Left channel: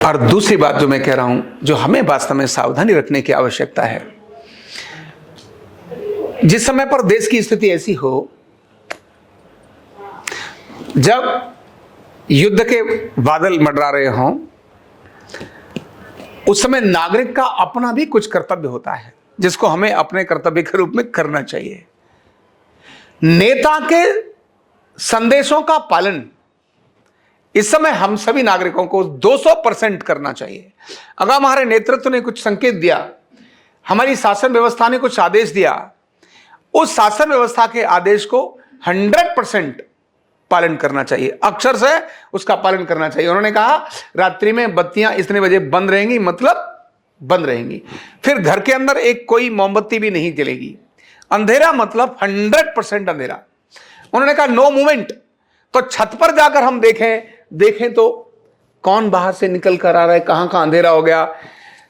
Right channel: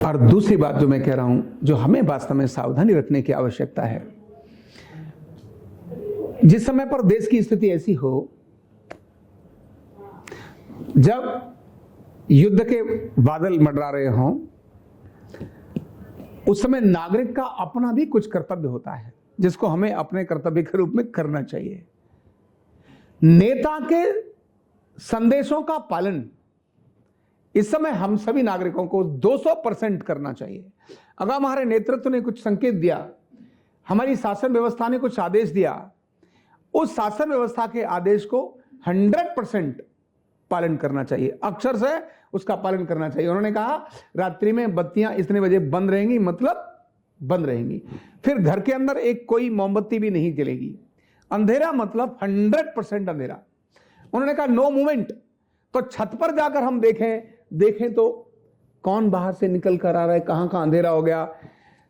और दूसरी बात जो मैं कह रहा हूं, जो हमें वास्तव में सावधानी रखने की आवश्यकता है, जिस समय पर देश की स्थिति ऐसी हो, जब युद्ध के बादल मंडरा रहे हों, उस समय नागरिक का अपना भी कुछ कर्तव्य होता है जिसको हमें अपने कर्तव्य के रूप में करना चाहिए। नेता के संदेशों का पालन इस समय हम सभी नागरिकों को 200% करना चाहिए। अगर हमारे नेतृत्व ने कुछ संकेत दिया, हमारी शासन व्यवस्था ने कुछ आदेश दिया, उस शासन व्यवस्था के आदेश को 100% पालन करना चाहिए, अक्षर से उसका पालन करना चाहिए। उन्होंने कहा रात्रि में बत्तियां इतने बजे बंद रहेंगी, मतलब बंद रहेंगी। फिर घर के अंदर एक कोई मोमबत्ती भी नहीं जलेगी। अंधेरा मतलब 100% अंधेरा। उन्होंने कहा नो मूवमेंट। तो छत पर जाकर हम देखें तो कौन बाहर से निकल कर आ रहा है, कहां कहां अंधेरा हो गया।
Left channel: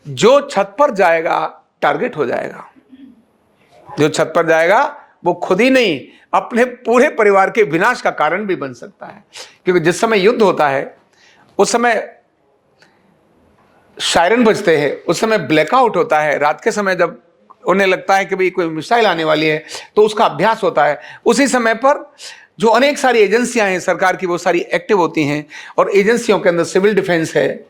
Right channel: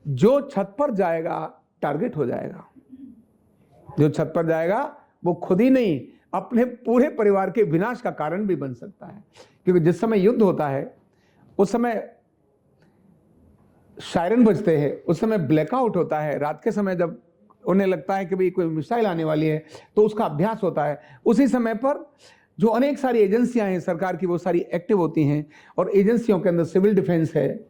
जो छत पर जाएगा टारगेट हो जाएगा। जो छत पर जाएगा वो खुद ही नहीं, अपने पूरे परिवार के विनाश का कारण भी बन सकता है। क्योंकि जिस समय युद्ध होता है उस समय सायरन बजते हैं, उस समय ब्लैकआउट होता है। रात के समय जब उन्हें लगता है कि भाई कोई मिसाइल आने वाली है तो उसका अभ्यास होता है। उसी समय पर जो अनेक सारी एजेंसियां हैं सरकार की, वो सारी एक्टिव होती हैं। और एजेंसियों के अंदर सिविल डिफेंस है,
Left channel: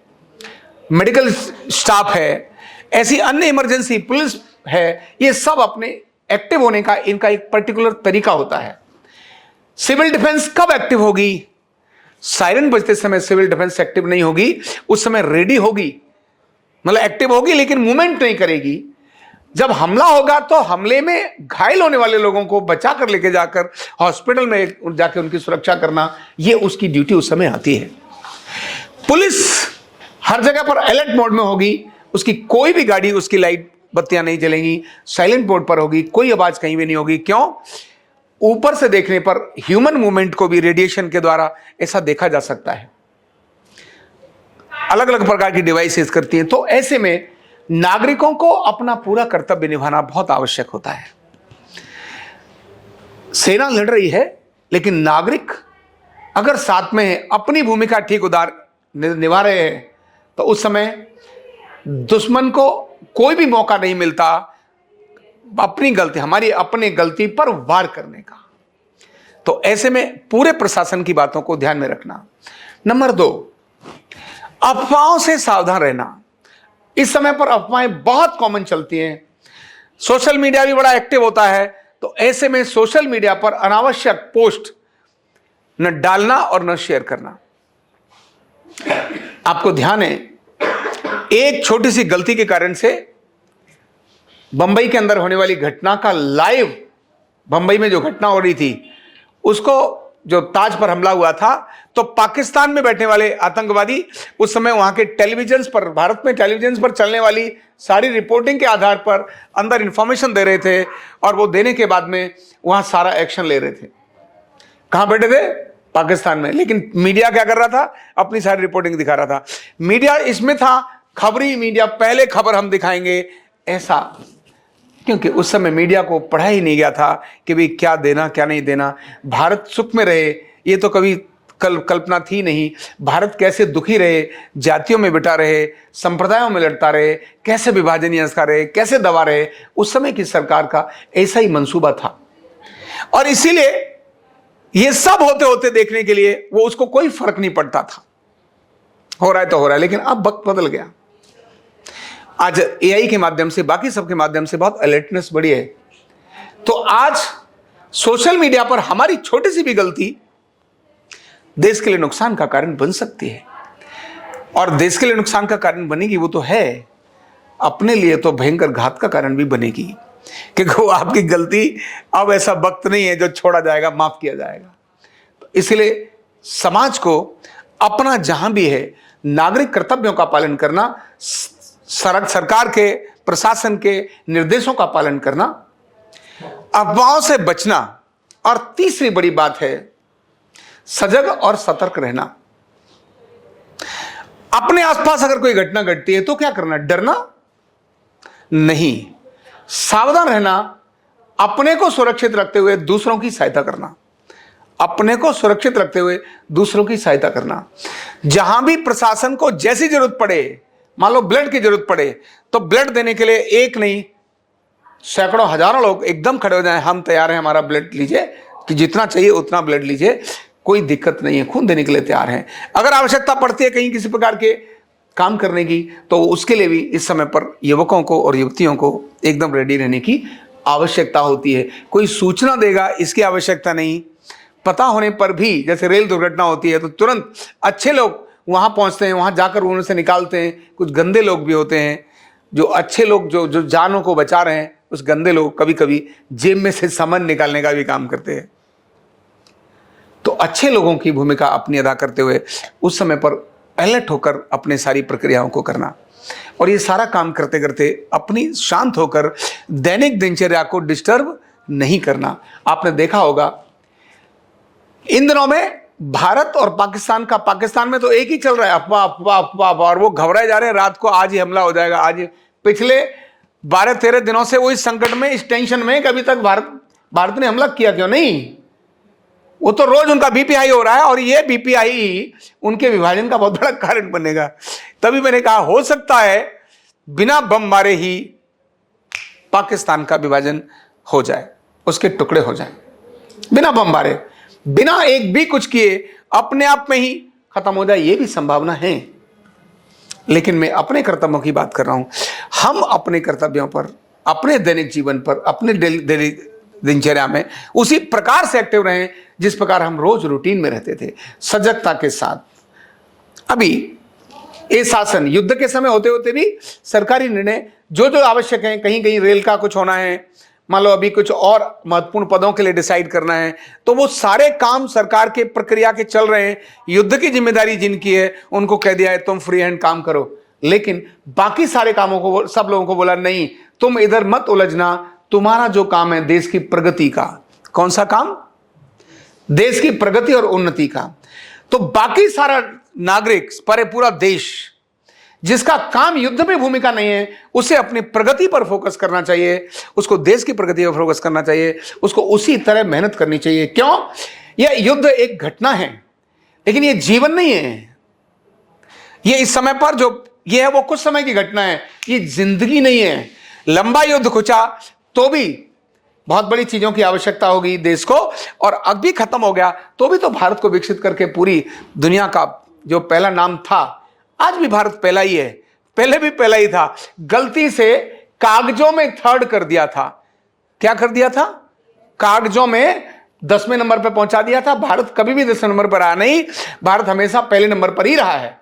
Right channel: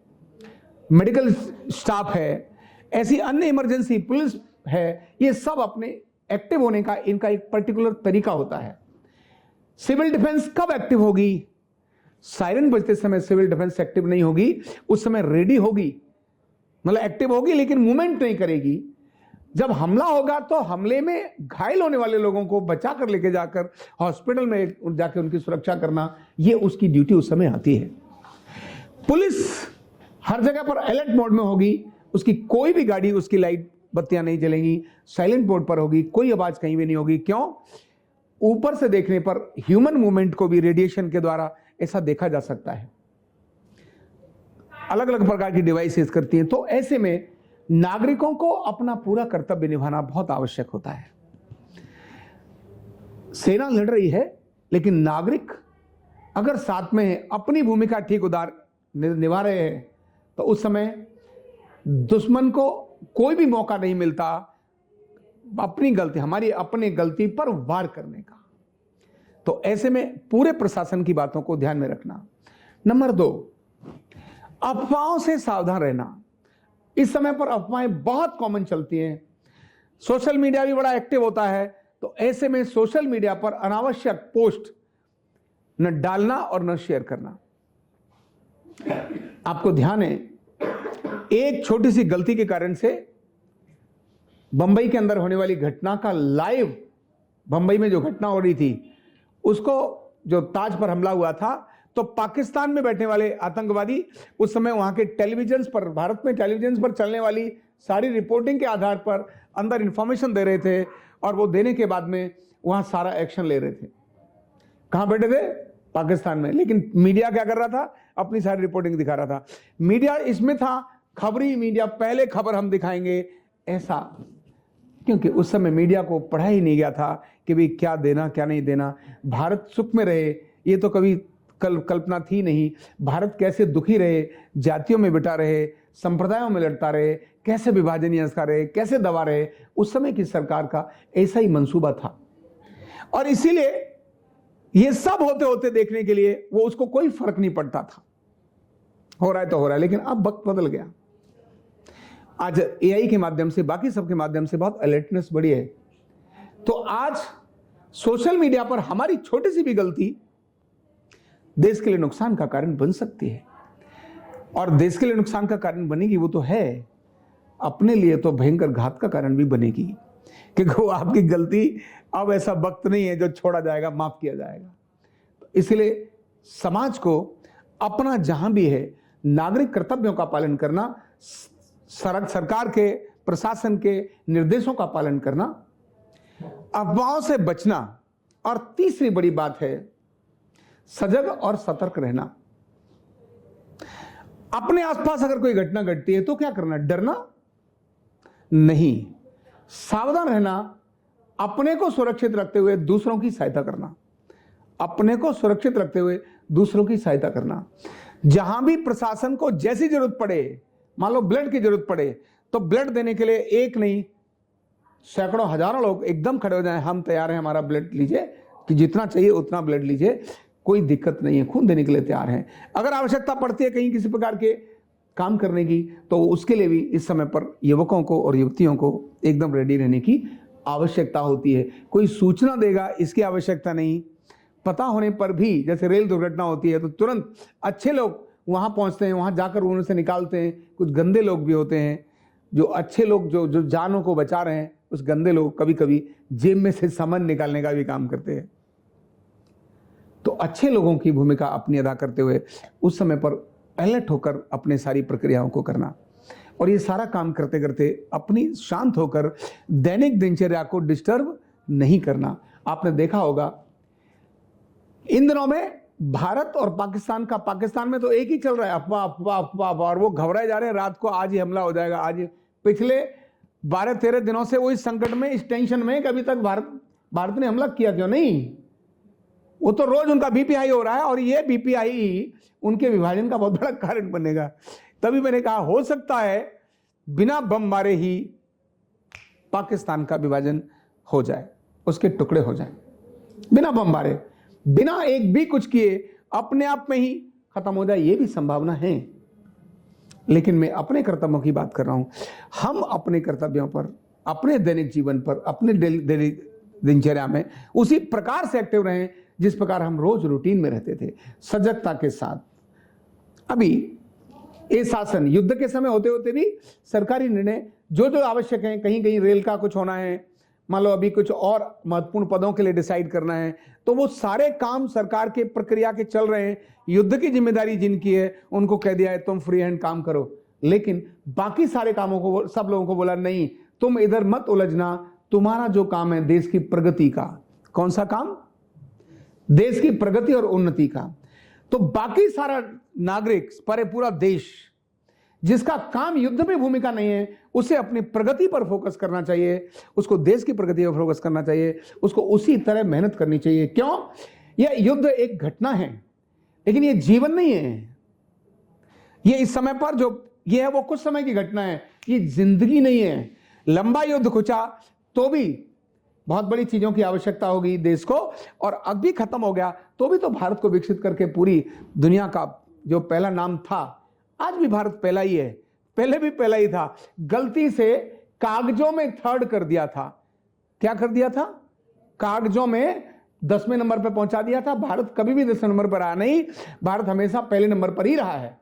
मेडिकल स्टाफ है, ऐसी अन्य इमरजेंसी पुलिस है। ये सब अपने एक्टिव होने का इनका एक पर्टिकुलर तरीका होता है। सिविल डिफेंस कब एक्टिव होगी? सायरन बजते समय सिविल डिफेंस एक्टिव नहीं होगी, उस समय रेडी होगी, मतलब एक्टिव होगी लेकिन मूवमेंट नहीं करेगी। जब हमला होगा तो हमले में घायल होने वाले लोगों को बचा कर लेके जाकर हॉस्पिटल में जाकर उनकी सुरक्षा करना, ये उसकी ड्यूटी उस समय आती है। पुलिस हर जगह पर अलर्ट मोड में होगी, उसकी कोई भी गाड़ी, उसकी लाइट बत्तियां नहीं जलेंगी, साइलेंट मोड पर होगी, कोई आवाज कहीं भी नहीं होगी। क्यों? ऊपर से देखने पर ह्यूमन मूवमेंट को भी रेडिएशन के द्वारा ऐसा देखा जा सकता है। अलग अलग प्रकार की डिवाइसेस करती हैं। तो ऐसे में नागरिकों को अपना पूरा कर्तव्य निभाना बहुत आवश्यक होता है। सेना लड़ रही है, लेकिन नागरिक अगर साथ में अपनी भूमिका ठीक निभा रहे हैं तो उस समय दुश्मन को कोई भी मौका नहीं मिलता अपनी गलती, हमारी अपनी गलती पर वार करने का। तो ऐसे में पूरे प्रशासन की बातों को ध्यान में रखना। नंबर 2, अफवाहों से सावधान रहना। इस समय पर अफवाहें बहुत कॉमन चलती हैं। सोशल मीडिया भी बड़ा एक्टिव होता है। तो ऐसे में सोशल मीडिया पर अनावश्यक पोस्ट न डालना और न शेयर करना। आपको ध्यान है, एक छोटी सी गलती के कारण से बंबई के अंदर होने वाली घटना का लाइव, बंबई में जो घटना हो रही थी उसको, जो ताज पर हमला हुआ था, तो पाकिस्तान में बैठने वाले आतंकवादी उस समय वहां के टेलीविजन पर, भारत में टेलीविजन पर चलने वाली सारी रिपोर्टिंग के आधार पर अंदर इंफॉर्मेशन दे रहे थे। और वो देने के बाद में वहां सारा एक्शन ले रहे थे। कहां बैठे थे? पाकिस्तान में। लेकिन मीडिया क्या कर रहा था? अपनी सारी रिपोर्टिंग दिखा रहा था। मीडिया इसमें था, खबरी मीडिया, पहले खबर हम दिखाएंगे, ऐसा। क्योंकि उस समय मीडिया को पढ़ा ही नहीं गया था कि भाई क्या देना क्या नहीं देना। भारत सुख में रहे ये तो कभी कल्पना थी नहीं। भारत कैसे दुखी रहे, जातियों में बिटा रहे, संप्रदायों में लड़ता रहे, कैसे विभाजन यंत्रणा रहे, कैसे दबा रहे, उस समय की सरकार का ऐसा ही मंसूबा था। और इसीलिए ये सब होते होते देखने के लिए वो, उसको कोई फर्क नहीं पड़ता था। हो रहा है तो हो रहा है। लेकिन अब वक्त बदल गया। आज एआई के माध्यम से, बाकी सबके माध्यम से बहुत अलर्टनेस बढ़ी है। तो आज सोशल मीडिया पर हमारी छोटी सी भी गलती देश के लिए नुकसान का कारण बन सकती है। और देश के लिए नुकसान का कारण बनेगी वो तो है, अपने लिए तो भयंकर घात का कारण भी बनेगी। क्योंकि वो आपकी गलती, अब ऐसा वक्त नहीं है जो छोड़ा जाएगा, माफ किया जाएगा। इसलिए समाज को अपना जहां भी है नागरिक कर्तव्यों का पालन करना, सरकार के, प्रशासन के निर्देशों का पालन करना, अफवाहों से बचना। और तीसरी बड़ी बात है सजग और सतर्क रहना। अपने आसपास अगर कोई घटना घटती है तो क्या करना? डरना नहीं, सावधान रहना, अपने को सुरक्षित रखते हुए दूसरों की सहायता करना। अपने को सुरक्षित रखते हुए दूसरों की सहायता करना। जहां भी प्रशासन को जैसी जरूरत पड़े, मान लो ब्लड की जरूरत पड़े, तो ब्लड देने के लिए एक नहीं सैकड़ों हजारों लोग एकदम खड़े हो जाएं, हम तैयार हैं, हमारा ब्लड लीजिए, कि जितना चाहिए उतना ब्लड लीजिए, कोई दिक्कत नहीं है, खून देने के लिए तैयार हैं। अगर आवश्यकता पड़ती है कहीं किसी प्रकार के काम करने की, तो उसके लिए भी इस समय पर युवकों को और युवतियों को एकदम रेडी रहने की आवश्यकता होती है। कोई सूचना देगा इसकी आवश्यकता नहीं, पता होने पर भी, जैसे रेल दुर्घटना होती है तो तुरंत अच्छे लोग वहां पहुंचते हैं, वहां जाकर उनसे निकालते हैं। कुछ गंदे लोग भी होते हैं, जो अच्छे लोग जो जानों को बचा रहे हैं, उस गंदे लोग कभी कभी जेब में से सामान निकालने का भी काम करते हैं। तो अच्छे लोगों की भूमिका अपनी अदा करते हुए उस समय पर अलर्ट होकर अपने सारी प्रक्रियाओं को करना, और ये सारा काम करते करते अपनी शांत होकर दैनिक दिनचर्या को डिस्टर्ब नहीं करना। आपने देखा होगा इन दिनों में भारत और पाकिस्तान का, पाकिस्तान में तो एक ही चल रहा है, अफवाह अफवाह अफवाह, और वो घबराए जा रहे हैं, रात को आज ही हमला हो जाएगा, आज। पिछले 12-13 दिनों से वो इस संकट में, इस टेंशन में, कभी तक भारत ने हमला किया क्यों नहीं? वो तो रोज उनका बीपी हाई हो रहा है, और ये बीपी हाई उनके विभाजन का बहुत बड़ा कारण बनेगा। तभी मैंने कहा हो सकता है बिना बम मारे ही पाकिस्तान का विभाजन हो जाए, उसके टुकड़े हो जाए, बिना बम मारे, बिना एक भी कुछ किए, अपने आप में ही खत्म हो जाए, ये भी संभावना है। लेकिन मैं अपने कर्तव्यों की बात कर रहा हूं। हम अपने कर्तव्यों पर, अपने दैनिक जीवन पर, अपने डेली दिनचर्या में उसी प्रकार से एक्टिव रहें जिस प्रकार हम रोज रूटीन में रहते थे, सजगता के साथ। अभी ये शासन युद्ध के समय होते होते भी सरकारी निर्णय जो जो आवश्यक है, कहीं कहीं रेल का कुछ होना है, मान लो अभी कुछ और महत्वपूर्ण पदों के लिए डिसाइड करना है, तो वो सारे काम सरकार के प्रक्रिया के चल रहे हैं। युद्ध की जिम्मेदारी जिनकी है उनको कह दिया है तुम फ्री हैंड काम करो, लेकिन बाकी सारे कामों को सब लोगों को बोला नहीं, तुम इधर मत उलझना, तुम्हारा जो काम है देश की प्रगति का। कौन सा काम? देश की प्रगति और उन्नति का। तो बाकी सारा नागरिक, पूरा देश जिसका काम युद्ध में भूमिका नहीं है, उसे अपनी प्रगति पर फोकस करना चाहिए, उसको देश की प्रगति पर फोकस करना चाहिए, उसको उसी तरह मेहनत करनी चाहिए। क्यों? यह युद्ध एक घटना है, लेकिन यह जीवन नहीं है। यह इस समय पर जो यह है वो कुछ समय की घटना है, ये जिंदगी नहीं है। लंबा युद्ध खुचा तो भी बहुत बड़ी चीजों की आवश्यकता होगी देश को, और अभी खत्म हो गया तो भी तो भारत को विकसित करके पूरी दुनिया का जो पहला नाम था, आज भी भारत पहला ही है, पहले भी पहला ही था। गलती से कागजों में थर्ड कर दिया था। क्या कर दिया था? कागजों में 10वें नंबर पर पहुंचा दिया था। भारत कभी भी 10वें नंबर पर आया नहीं, भारत हमेशा पहले नंबर पर ही रहा है,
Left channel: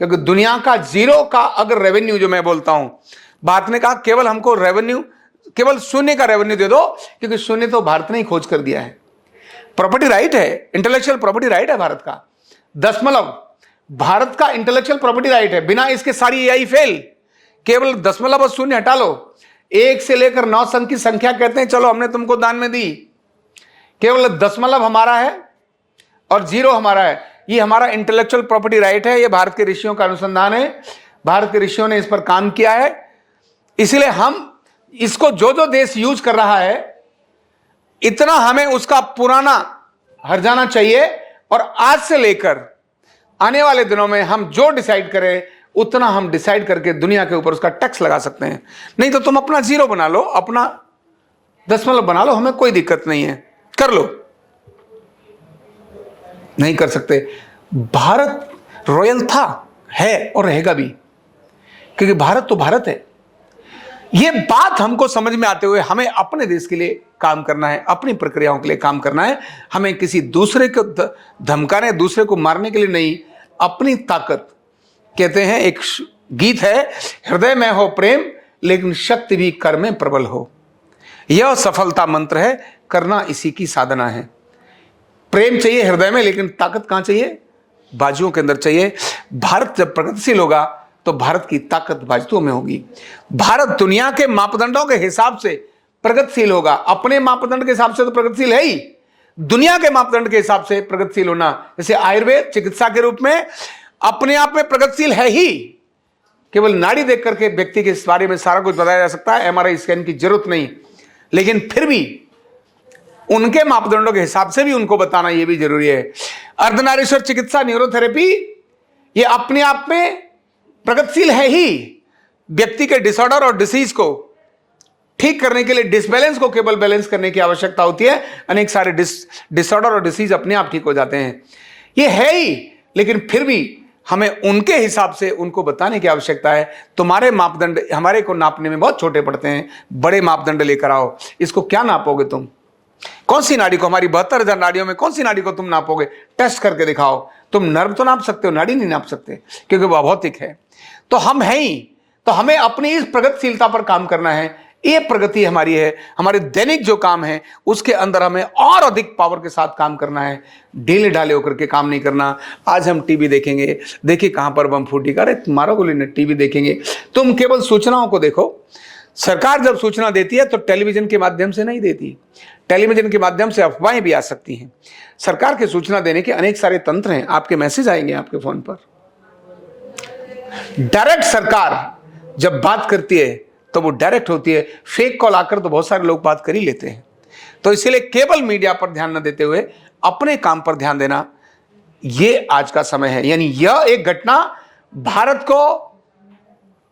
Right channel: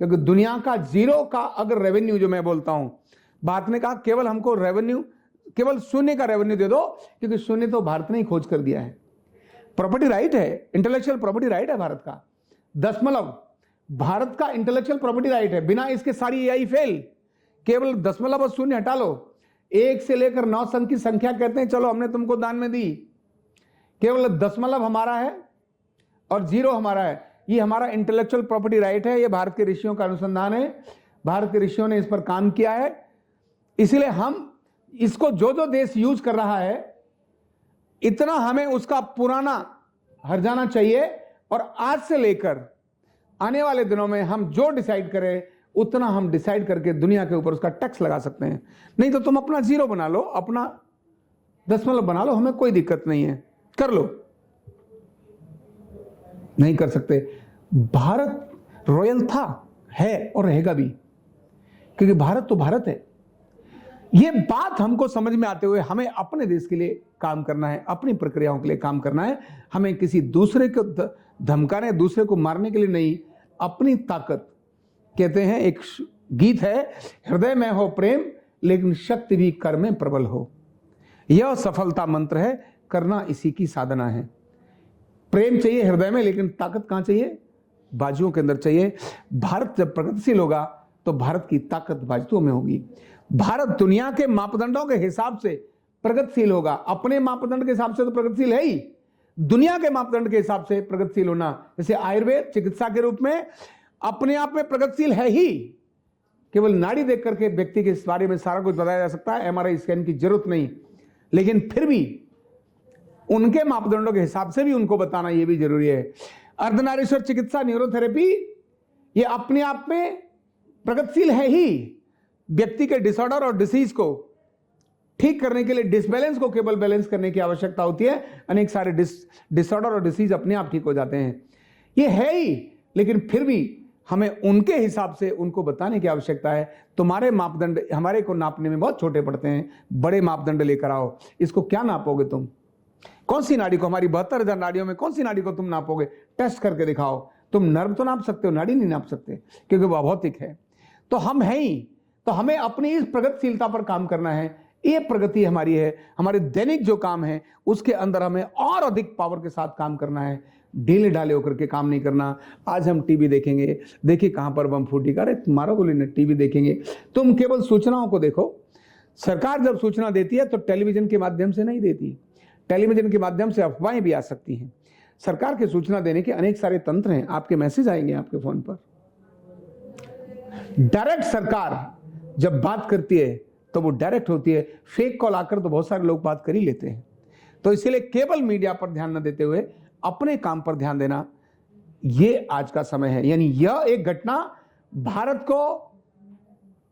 क्योंकि दुनिया का जीरो का अगर रेवेन्यू जो मैं बोलता हूं, भारत ने कहा केवल हमको रेवेन्यू, केवल शून्य का रेवेन्यू दे दो, क्योंकि शून्य तो भारत ने ही खोज कर दिया है। प्रॉपर्टी राइट है, इंटेलेक्चुअल प्रॉपर्टी राइट है भारत का, दशमलव भारत का इंटेलेक्चुअल प्रॉपर्टी राइट है। बिना इसके सारी एआई फेल। केवल दशमलव और शून्य हटा लो, 1 से लेकर 9 अंक की संख्या कहते हैं, चलो हमने तुमको दान में दी, केवल दशमलव हमारा है और 0 हमारा है। ये हमारा इंटेलेक्चुअल प्रॉपर्टी राइट है। ये भारत के ऋषियों का अनुसंधान है, भारत के ऋषियों ने इस पर काम किया है। इसलिए हम इसको जो जो देश यूज कर रहा है, इतना हमें उसका पुराना हर जाना चाहिए, और आज से लेकर आने वाले दिनों में हम जो डिसाइड करें उतना हम डिसाइड करके दुनिया के ऊपर उसका टैक्स लगा सकते हैं। नहीं तो तुम अपना 0 बना लो, अपना दशमलव बना लो, हमें कोई दिक्कत नहीं है, कर लो। नहीं कर सकते। भारत रॉयल था, है और रहेगा भी, क्योंकि भारत तो भारत है। यह बात हमको समझ में आते हुए हमें अपने देश के लिए काम करना है, अपनी प्रक्रियाओं के लिए काम करना है। हमें किसी दूसरे को धमकाने, दूसरे को मारने के लिए नहीं, अपनी ताकत। कहते हैं, एक गीत है, हृदय में हो प्रेम लेकिन शक्ति भी कर में प्रबल हो। यह सफलता मंत्र है, करना इसी की साधना है। प्रेम चाहिए हृदय में, लेकिन ताकत कहां चाहिए? बाजुओं के अंदर चाहिए। भारत जब प्रगतिशील होगा तो भारत की ताकत बाजुओं में होगी। भारत दुनिया के मापदंडों के हिसाब से प्रगतिशील होगा। अपने मापदंड के हिसाब से तो प्रगतिशील है ही, दुनिया के मापदंड के हिसाब से प्रगतिशील होना, जैसे आयुर्वेद चिकित्सा के रूप में अपने आप में प्रगतिशील है ही। केवल नाड़ी देख करके व्यक्ति के बारे में सारा कुछ बताया जा सकता है, एमआरआई स्कैन की जरूरत नहीं। लेकिन फिर भी उनके मापदंडों के हिसाब से भी उनको बताना ये भी जरूरी है। अर्धनारीश्वर चिकित्सा न्यूरोथेरेपी ये अपने आप में प्रगतिशील है ही। व्यक्ति के डिसऑर्डर और डिसीज को ठीक करने के लिए डिसबैलेंस को केवल बैलेंस करने की आवश्यकता होती है। अनेक सारे डिसऑर्डर और डिसीज अपने आप ठीक हो जाते हैं, ये है ही। लेकिन फिर भी हमें उनके हिसाब से उनको बताने की आवश्यकता है। तुम्हारे मापदंड हमारे को नापने में बहुत छोटे पड़ते हैं, बड़े मापदंड लेकर आओ। इसको क्या नापोगे तुम? कौन सी नाड़ी को, हमारी 72,000 नाड़ियों में कौन सी नाड़ी को तुम नापोगे? टेस्ट करके दिखाओ। तुम नर्व तो नाप सकते हो, नाड़ी नहीं नाप सकते, क्योंकि वह भौतिक है। तो हम हैं ही, तो हमें अपनी इस प्रगतिशीलता पर काम करना है। ये प्रगति हमारी है। हमारे दैनिक जो काम है उसके अंदर हमें और अधिक पावर के साथ काम करना है। ढीले ढाले होकर के काम नहीं करना। आज हम टीवी देखेंगे, देखिए कहां पर बम फूटी, अरे तुम्हारा गोली ने टीवी देखेंगे। तुम केवल सूचनाओं को देखो। सरकार जब सूचना देती है तो टेलीविजन के माध्यम से नहीं देती, टेलीविजन के माध्यम से अफवाहें भी आ सकती हैं। सरकार के सूचना देने के अनेक सारे तंत्र हैं। आपके मैसेज आएंगे आपके फोन पर। डायरेक्ट सरकार जब बात करती है तो वो डायरेक्ट होती है। फेक कॉल आकर तो बहुत सारे लोग बात कर ही लेते हैं। तो इसलिए केवल मीडिया पर ध्यान न देते हुए अपने काम पर ध्यान देना, ये आज का समय है। यानी यह एक घटना भारत को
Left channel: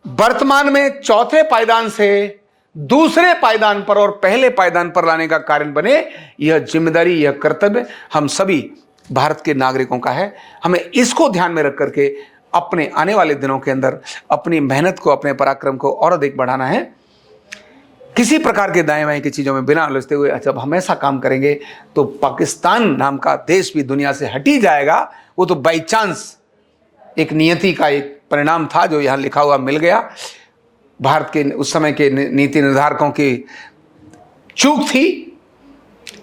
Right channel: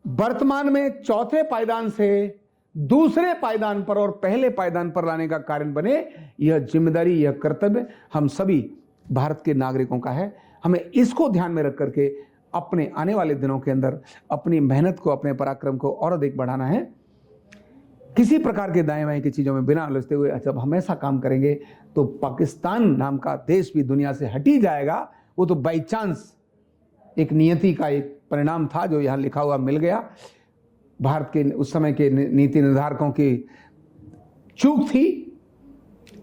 वर्तमान में चौथे पायदान से दूसरे पायदान पर और पहले पायदान पर लाने का कारण बने। यह जिम्मेदारी, यह कर्तव्य हम सभी भारत के नागरिकों का है। हमें इसको ध्यान में रख करके अपने आने वाले दिनों के अंदर अपनी मेहनत को, अपने पराक्रम को और अधिक बढ़ाना है। किसी प्रकार के दाएं बाएं की चीज़ों में बिना उलझते हुए जब हम ऐसा काम करेंगे तो पाकिस्तान नाम का देश भी दुनिया से हट ही जाएगा। वो तो बाई चांस एक नियति का एक परिणाम था जो यहाँ लिखा हुआ मिल गया। भारत के उस समय के नीति निर्धारकों की चूक थी,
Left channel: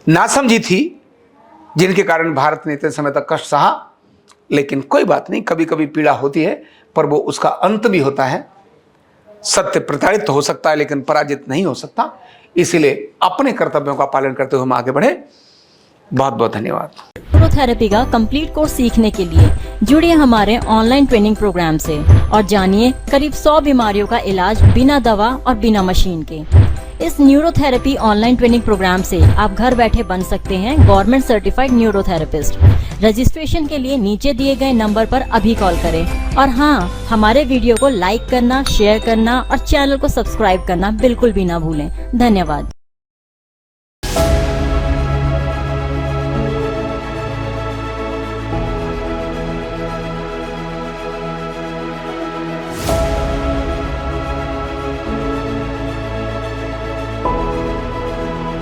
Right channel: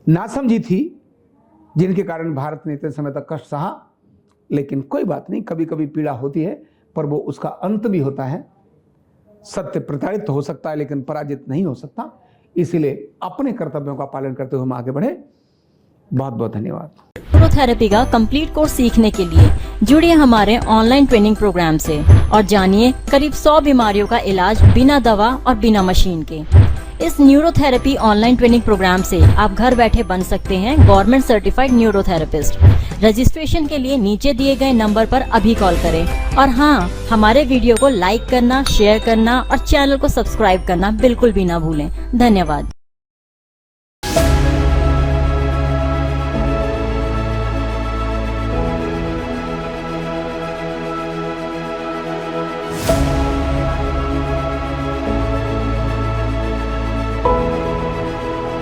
नासमझी थी, जिनके कारण भारत ने इतने समय तक कष्ट सहा। लेकिन कोई बात नहीं, कभी कभी पीड़ा होती है, पर वो उसका अंत भी होता है। सत्य प्रताड़ित हो सकता है लेकिन पराजित नहीं हो सकता। इसीलिए अपने कर्तव्यों का पालन करते हुए हम आगे बढ़े। बहुत बहुत धन्यवाद। न्यूरोथेरेपी का कंप्लीट कोर्स सीखने के लिए जुड़िए हमारे ऑनलाइन ट्रेनिंग प्रोग्राम से और जानिए करीब 100 बीमारियों का इलाज बिना दवा और बिना मशीन के। इस न्यूरोथेरेपी ऑनलाइन ट्रेनिंग प्रोग्राम से आप घर बैठे बन सकते हैं गवर्नमेंट सर्टिफाइड न्यूरोथेरेपिस्ट। रजिस्ट्रेशन के लिए नीचे दिए गए नंबर पर अभी कॉल करें। और हाँ, हमारे वीडियो को लाइक करना, शेयर करना और चैनल को सब्सक्राइब करना बिल्कुल भी ना भूलें। धन्यवाद।